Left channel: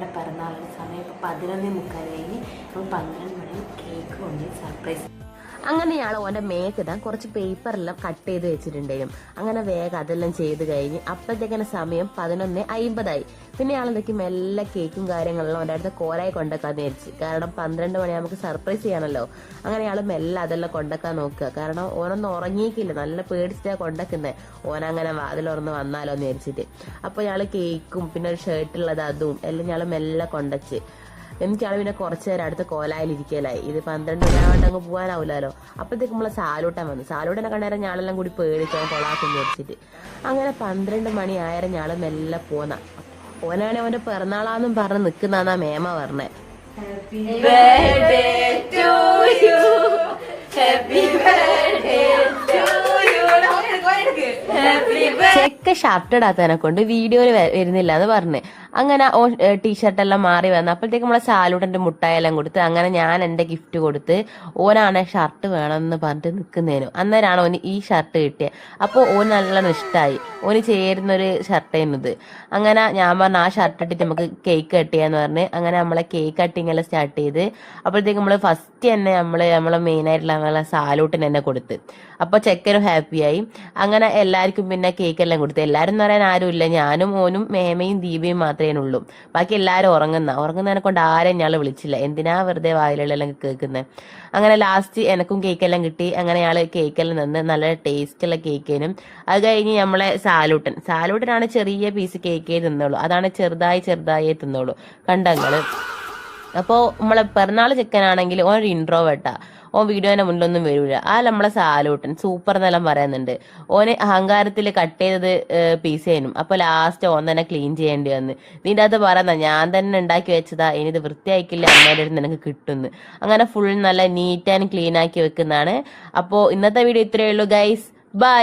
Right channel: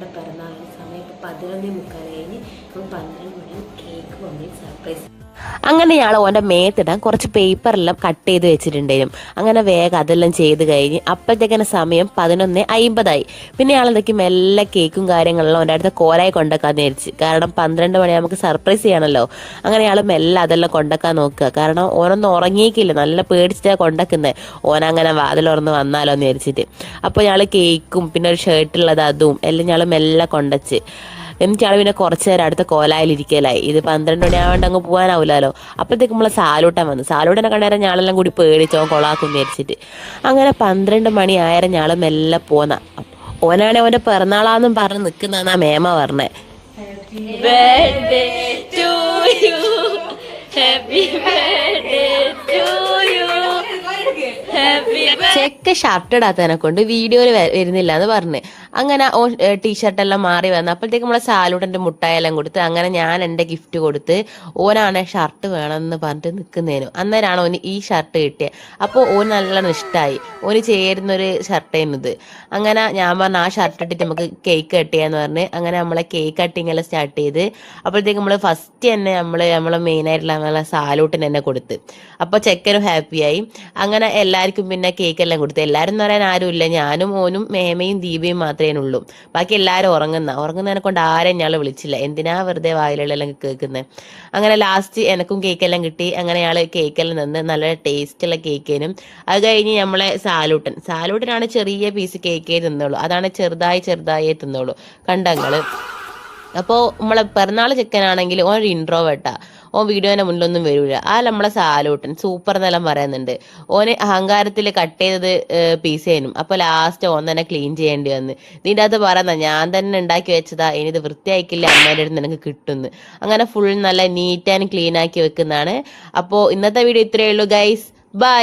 ഓൻ്റെ പിറന്നാളിൻ്റെ സമയം ഇപ്പോൾ 11:45 കഴിഞ്ഞ്. അപ്പോൾ 12 മണി കേക്ക് കൊണ്ട് സർപ്രൈസ്. അങ്ങനെ ഞങ്ങൾ ഓൻ്റെ മേത്തിടാൻ കുറച്ച് പേപ്പറെല്ലാം കട്ട് ചെയ്ത് വെച്ചിട്ടുണ്ടായിരുന്നു. അങ്ങനെ വേഗം അതെല്ലാം ചെയ്ത് കഴിഞ്ഞ് അപ്പോഴത്തേക്കന്നെ സമയം 11:50 പിന്നെ ഞങ്ങളെന്തൊക്കെ മെല്ലെ കേക്കും കാര്യങ്ങളെല്ലാം ഓൻ്റെ അടുത്ത് കോലായി കൊണ്ടുവെക്കാന്ന് വിചാരിച്ച്. കാരണം 12 മണി നമുക്ക് സർപ്രൈസ് ചെയ്യണമല്ലോ. അങ്ങനെ ഞങ്ങൾ മെല്ലെ അതെല്ലാം കൊണ്ടുവെക്കാൻ നോക്കുക. കാരണം ഓനൊന്നും ഉറങ്ങിയിക്കില്ല, നല്ല പേടിച്ചിട്ടാണ് കൊണ്ടുവെക്കുന്നത്. ഓനങ്ങനെ വാതിലുറന്ന് വന്നാലോ എന്ന് വിചാരിച്ചിട്ട്. അപ്പോൾ ഞങ്ങൾ കേക്കും പിന്നെ ഒരു ഷർട്ടുള്ളത് അതും എല്ലാം ഞങ്ങൾ മെല്ലെ കൊണ്ടുവച്ച്. എന്നിട്ട് ഞങ്ങൾ പിന്നെ കുറച്ച് നേരം അടുത്ത കോലായിലിരിക്കലായി. ഇത് 12 മണിയാവേണ്ട അങ്ങ് പോകാനാവില്ലല്ലോ. അപ്പോഴത്തേക്ക് നമ്മളെ സാലൂട്ടൻ വന്നു. സാലൂട്ടനെ കണ്ടേരം ഞാളെല്ലാം കൂടി പേടിച്ചോ കൊളാക്കും വിചാരിച്ചിട്ട്. അങ്ങനെ 12 മണി ആയാലും ഞങ്ങൾ മെല്ലെ പോന്ന. ഓനാണെ ഓൻ്റെ പിറന്നാളാന്നും പറഞ്ഞ് നിൽക്കുന്നതാ മേമ പറഞ്ഞേ. ചെക്ക ഷർട്ട് ഇടാത്തതിനെ കൊണ്ട് വീഡിയോയിൽ വരുന്നില്ല എന്ന് പറഞ്ഞ്. അങ്ങനെ ഓ ടീഷർട്ടെല്ലാം മാറി വന്നു. അപ്പോഴത്തേക്ക് നമ്മളെ സാലൂട്ടൻ്റെ മുട്ടായെല്ലാം കൊടുത്ത് അങ്ങനെ ഞാൻ എൻ്റെ ഗിഫ്റ്റ് കൊടുത്ത് ഓനാണ് ഷർട്ട് വേണമെന്ന് പറഞ്ഞിട്ട് നിൽക്കുന്നതിനു. അന്നേരമാണ് ഓന് ഈ ഷർട്ട് കിട്ടിയത്. അപ്പോൾ ഓന് നല്ലോണം ഇഷ്ടമായി. ഓന് ചേരുന്നൊരു ഷർട്ടായിരുന്നത്. അങ്ങനെ ഞാൻ പറഞ്ഞു ആ ഷർട്ട് ഇട്ടിട്ട് നമുക്ക് കേക്ക് കട്ട് ചെയ്യാന്ന് പറഞ്ഞ് അങ്ങനെ നമ്മളെ കേക്ക് കട്ടിങ് എല്ലാം സ്റ്റാർട്ട് ചെയ്ത്. അപ്പോഴത്തേക്ക് നമ്മൾ ഫസ്റ്റ് തന്നെ നമ്മളെ മെയിനായിട്ടുള്ള നമ്മളെ സാലൂട്ടിന് തന്നെ കൊടുത്ത്. അപ്പോൾ ചെക്കനും ഹാപ്പിയായി. അങ്ങനെ എല്ലാവർക്കും പിന്നെ കേക്കെല്ലാം കൊടുത്തു. എല്ലാവരും എന്ന് പറയാൻ ആരുമില്ല, ഞാനും ഓനും മേമയും ദീപയും മാത്രമേ ഉള്ളൂ. ബാക്കി എല്ലാവരും ഉറങ്ങുന്നതിനെ കൊണ്ട് ആരെയും ഞങ്ങൾ വിളിച്ചില്ല. എന്തിനാ വെറുതെ വായിലെല്ലാം കേൾക്കുന്നത്. അങ്ങനെ ലാസ്റ്റ് എനക്കും കേക്കെല്ലാം കിട്ടി. അങ്ങനെ ഞങ്ങൾ കേക്കെല്ലാം നിന്ന് നല്ല ടേസ്റ്റുള്ള കേക്കിനും. അത് കഴിഞ്ഞ് നമ്മളെ സാലൂട്ടനാണ് ചെറിയ പീസ് കേക്കേ തിന്നുള്ളൂ. അതാണ് ചെറുതായി തിന്നുള്ളൂ കണ്ടങ്ങള്. അപ്പോൾ നമ്മളെ പിറന്നാൾ ചെക്കനാണെങ്കിൽ ഓൻ ഒരു ഇൻട്രോവേർട്ടാ. ഓൻ വീഡിയോന്റെ മുന്നിലൊന്നും വരൂല. ആ നമ്മളെ സാലൂട്ടൻ സൂപ്പർ എന്നെല്ലാം പറയുന്നുണ്ട്. ഓന് അഹങ്കാരത്തിൽ കട്ട് ചെയ്തത് പീസേനും. അപ്പോൾ ലാസ്റ്റ് ഓൻ തന്നെ ക്ലീൻ ചെയ്യേണ്ടി വന്ന്. ഇതിൻ്റെ അകത്ത് പറയുന്ന ഞാൻ തന്നെ ഉണ്ടാക്കി വെച്ചതാ, ഇനി ഇത് വൃത്തിയാക്കില്ല അമ്മേൻ്റെ അടുത്ത് നിനക്ക് കിട്ടുന്നു. അങ്ങനെ ഫുൾ നല്ല നീറ്റ് ആൻഡ് ക്ലീൻ ആക്കി വെക്കുന്നതാണ്. അപ്പോൾ ഇന്നത്തെ വീഡിയോ ഇത്രയേ ഉള്ളൂ ഗൈസ്. ബൈ.